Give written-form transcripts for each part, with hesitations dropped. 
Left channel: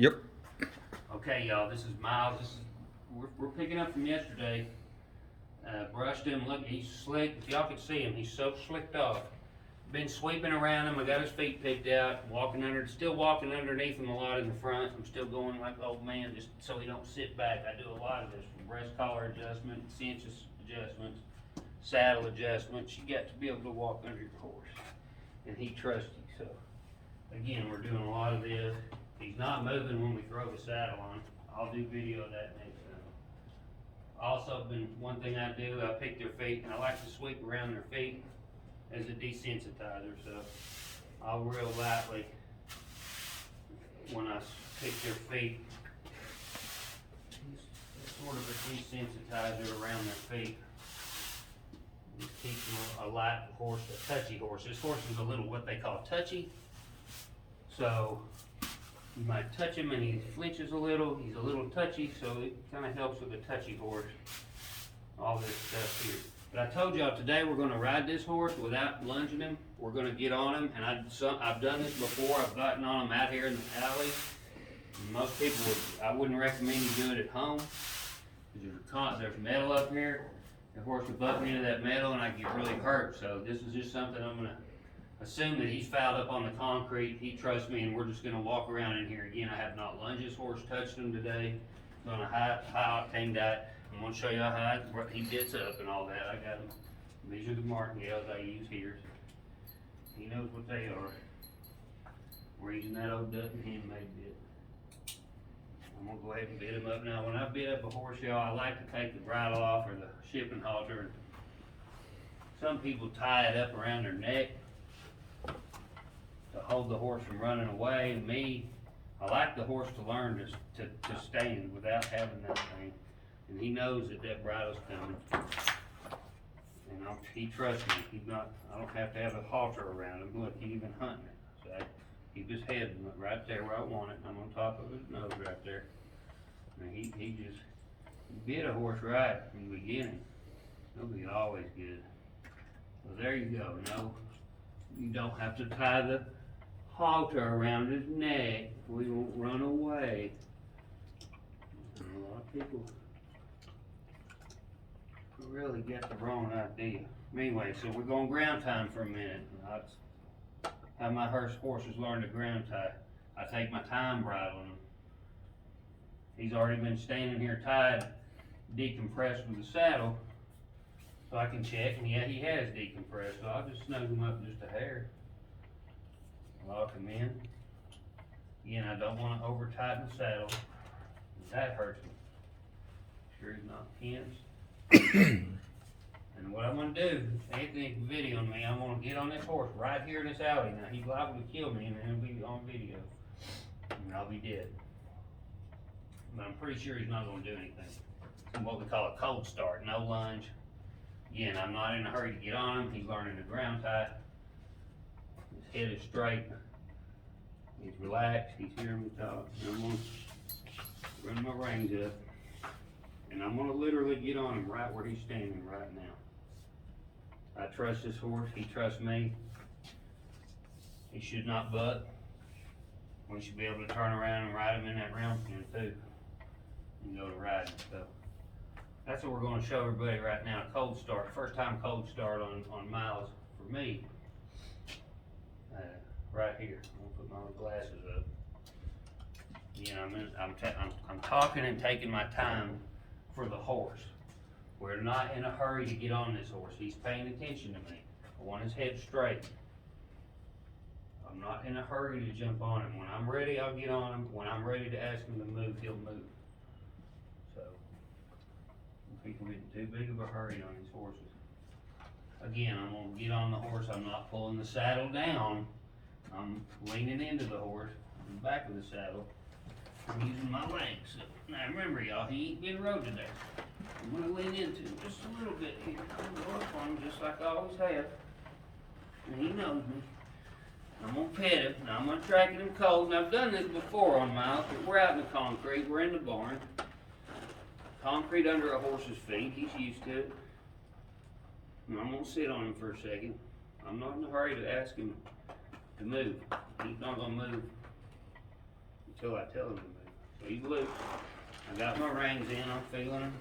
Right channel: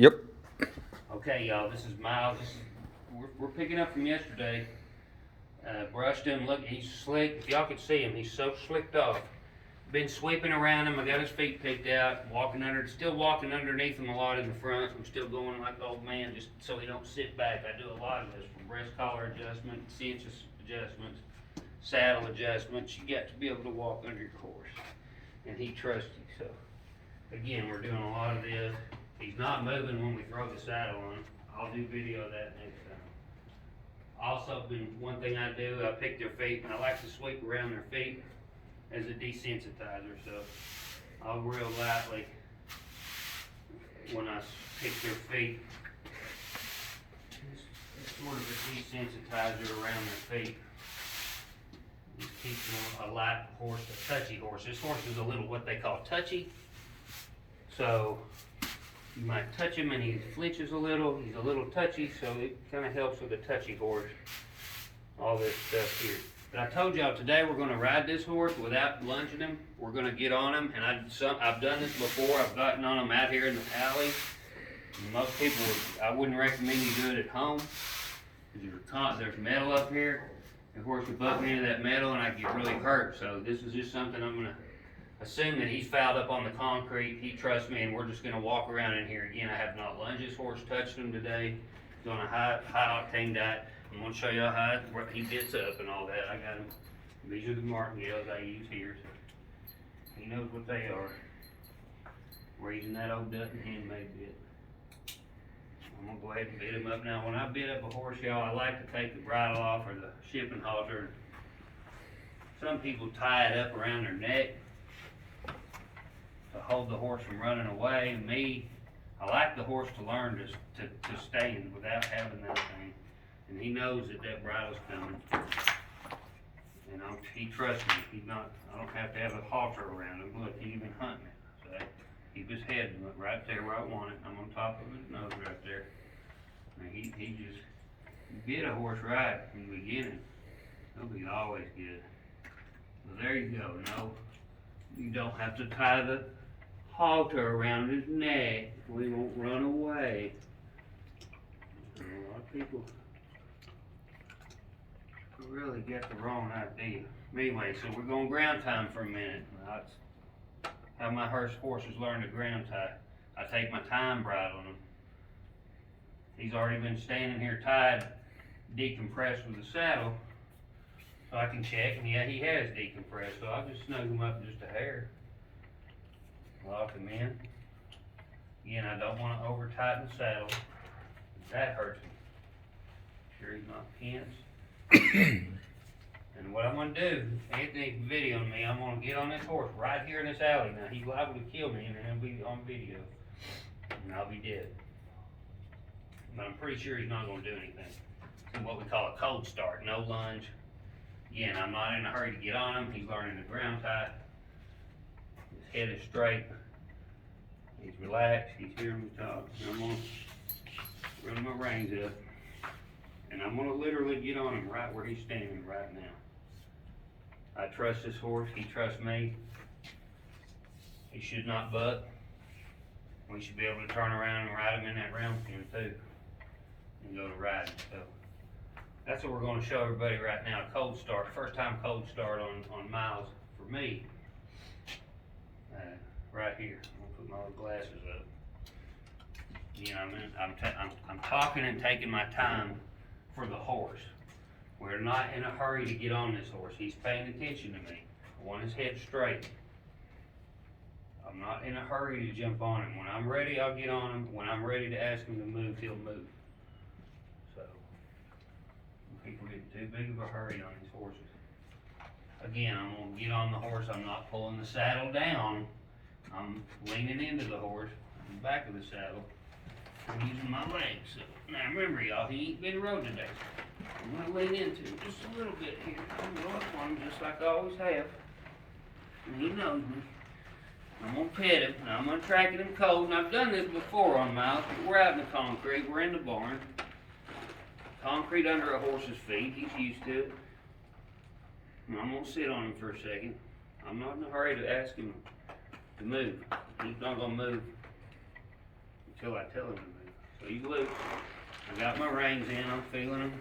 Yep. Okay, y'all, this is Miles. We're picking up from yesterday. Brushed him. Look, he's slick. If y'all could see him, he's so slicked off. Been sweeping around him. I got his feet picked out. Still walking underneath him a lot in the front. I'm still going like the old man, just so he don't sit back. I do a lot of this from breast collar adjustment, cinches adjustments, saddle adjustments. You got to be able to walk under your horse, and he trusts you. So, again, we're doing a lot of this. He's not moving when we throw the saddle on. I'll do video of that next time. Also, one thing I do, I pick their feet, and I like to sweep around their feet as a desensitizer. So I'll real lightly, when I pick their feet, sort of a desensitizer around their feet. Just keeping a light horse, a touchy horse. This horse is a little, what they call touchy. So you might touch him and he flinches a little. He's a little touchy, so it kind of helps with a touchy horse. All this stuff here. But I told y'all today we're going to ride this horse without lunging him. We're going to get on him, and I've done this before. I've gotten on him out here in the alley. And most people I wouldn't recommend you do it at home. There's metal up here. The horse could butt me into that metal, and I get really hurt. So this is just something I'm going to assume that he's fouled up on the concrete. He trusts me, and we're just going to walk around in here. Again, I have not lunged this horse, touched him today. He's on a high octane diet. I'm going to show y'all how he bits up and all that. I got him. These are the martingales I use here. He knows what they are. We're using that old Dutton handmade bit. I'm going to go ahead and bit him up now. When I bit up a horse, y'all, I like to take the bridle off or the shipping halter. Some people tie it up around their neck to hold the horse from running away. To me, I like the horse to learn to stand without having that thing. And he knows that bridle's coming. And he trusts me. I don't have to have a halter around him. Look, he's even hunting it. So I keep his head right there where I want it. I'm on top of his nose right there. And he bit a horse right in the beginning. He'll be always good. So there you go. No, you don't have to tie the halter around his neck. We won't run away. A lot of people really get the wrong idea. Anyway, so we're going ground time for a minute. How my horses learn to ground tie. I take my time bridle on him. He's already been standing here tied, decompressed with the saddle, so I can check, and yeah, he has decompressed, so I'll just snug him up just a hair. Lock him in. Again, I don't want to over tighten the saddle. That hurts me. Sure he's not tense. And what I'm going to do, Anthony videoing me, I'm going to get on this horse right here in this alley. Now, he's liable to kill me, and it'll be on video. And I'll be dead. But I'm pretty sure he's not going to do anything. It's what we call a cold start, no lunge. Again, I'm not in a hurry to get on him. He's learning to ground tie. His head is straight. He's relaxed. He's hearing me talk. And I'm going to run my reins up. And I'm going to literally get on him right where he's standing right now. I trust this horse. He trusts me. He should not buck. We should be able to turn around and ride him in that round pen too. And go to riding. So that's what we're going to show everybody right now. Cold start. First time cold start on Miles for me. Right here. I'm going to put my little glasses up. I'm talking and taking my time for the horse. We're not in a hurry to get on this horse. He's paying attention to me. I want his head straight. I'm not in a hurry to jump on him. When I'm ready, I'll get on him. When I'm ready to ask him to move, he'll move. So, people getting too big of a hurry on these horses. Again, I'm going to get on the horse. I'm not pulling the saddle down. I'm leaning into the horse in the back of the saddle. I'm using my legs. So, now remember, y'all, he ain't been rode today. I'm going to lean into him just a little bit here. I'm going up on him just like I always have. And he knows me. I'm going to pet him, and I'm going to track him cold. And I've done this before on Miles, but we're out in the concrete. We're in the barn. Concrete under a horse's feet. He's used to it. And I'm going to sit on him for a second. I'm not in a hurry to ask him to move. He's not going to move until I tell him to move. So he's loose. I got my reins in, I'm feeling him.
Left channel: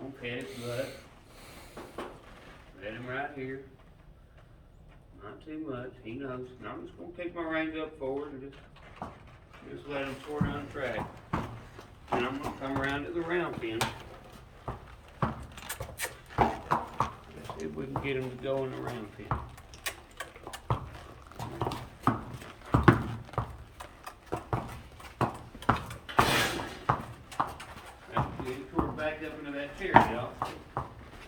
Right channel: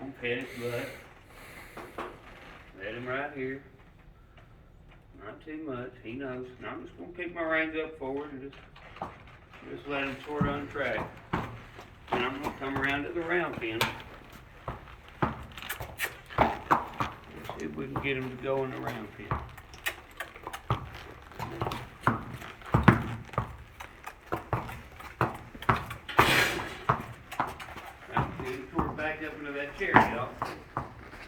I'm petting his butt. Let him right here. Not too much, he knows. Now I'm just gonna pick my reins up forward and just let him sort of untrack. And I'm gonna come around to the round pin. See if we can get him to go in the round pin. That's good. He sort of backed up into that chair, y'all.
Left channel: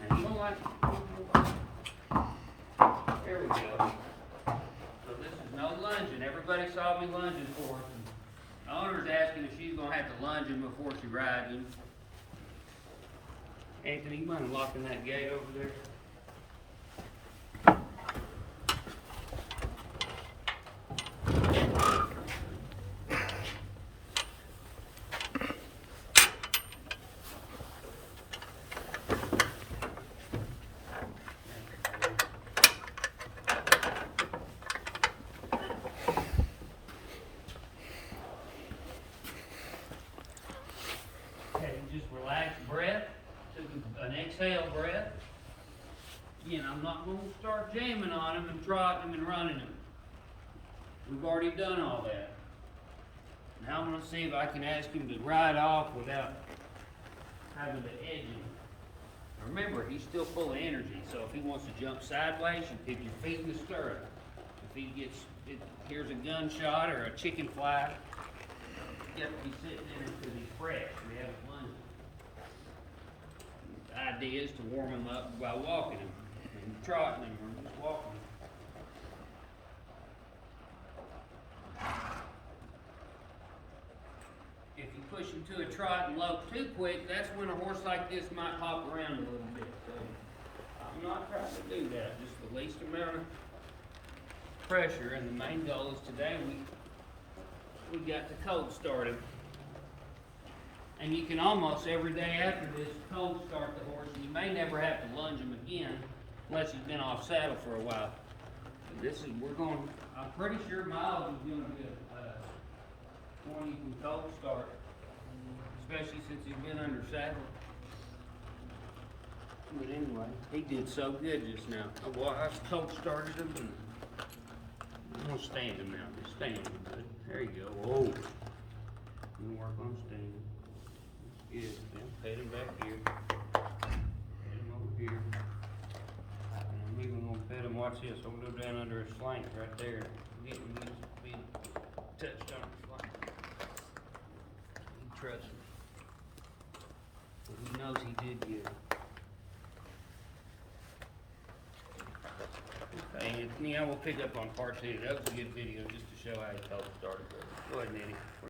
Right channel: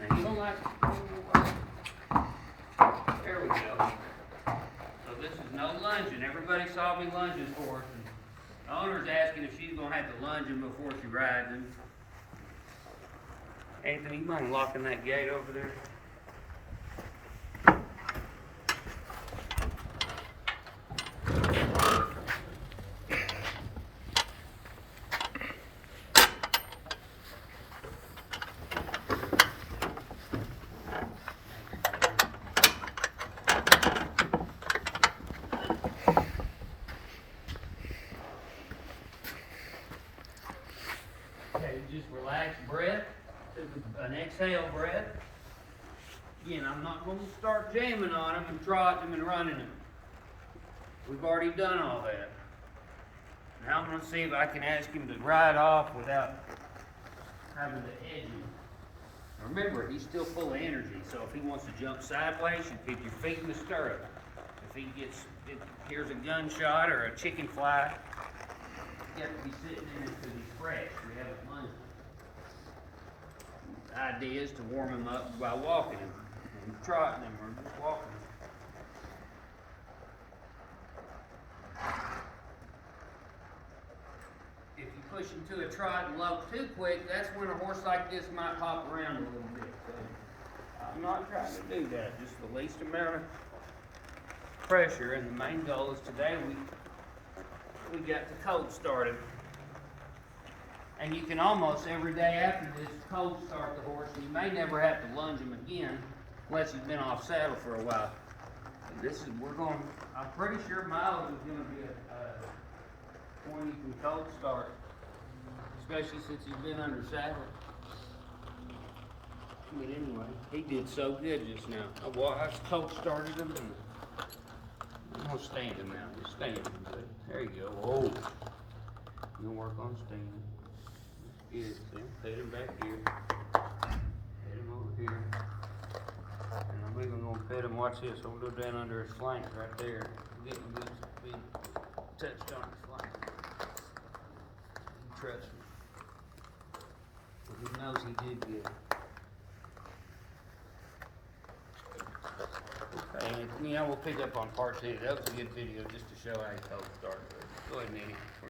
Now you don't like. There we go. So this is no lunging. Everybody saw me lunging for us. The owner's asking if she's gonna have to lunge him before she rides him. Anthony, you mind locking that gate over there? Okay, just relax breath, took an exhale breath. Again, I'm not going to start jamming on them and trotting them and running them. We've already done all that. Now I'm going to see if I can ask him to ride off without having to edge him. Remember, he's still full of energy, so if he wants to jump sideways, you pick your feet in the stirrup. If he hears a gunshot or a chicken fly, you have to be sitting in it because he's fresh. We haven't lunged. The idea is to warm him up by walking him and trotting him or just walking him. If you push him to a trot and lope too quick, that's when a horse like this might hop around a little bit. So I'm not trying to do that. Just the least amount of pressure. And the main goal is today we got the cold started. And you can almost every day after this cold start the horse, and you may never have to lunge him again unless he's been off saddle for a while. But I'm pretty sure Myles is going to be one you can cold start, especially since he's been under saddle. But anyway, he did so good just now. I cold started him, and I'm going to stand him now. Just stand him good. There you go. Whoa. You're going to work on standing. Good. Then pet him back here. Pet him over here. And I'm even going to pet him. Watch this. I'm going to go down under his flanks right there. Get him to be touched on his flank. He trusts me. But he knows he did good. Okay, Anthony, I will pick up on part 2. That was a good video just to show how he cold started. Go ahead, Eddie.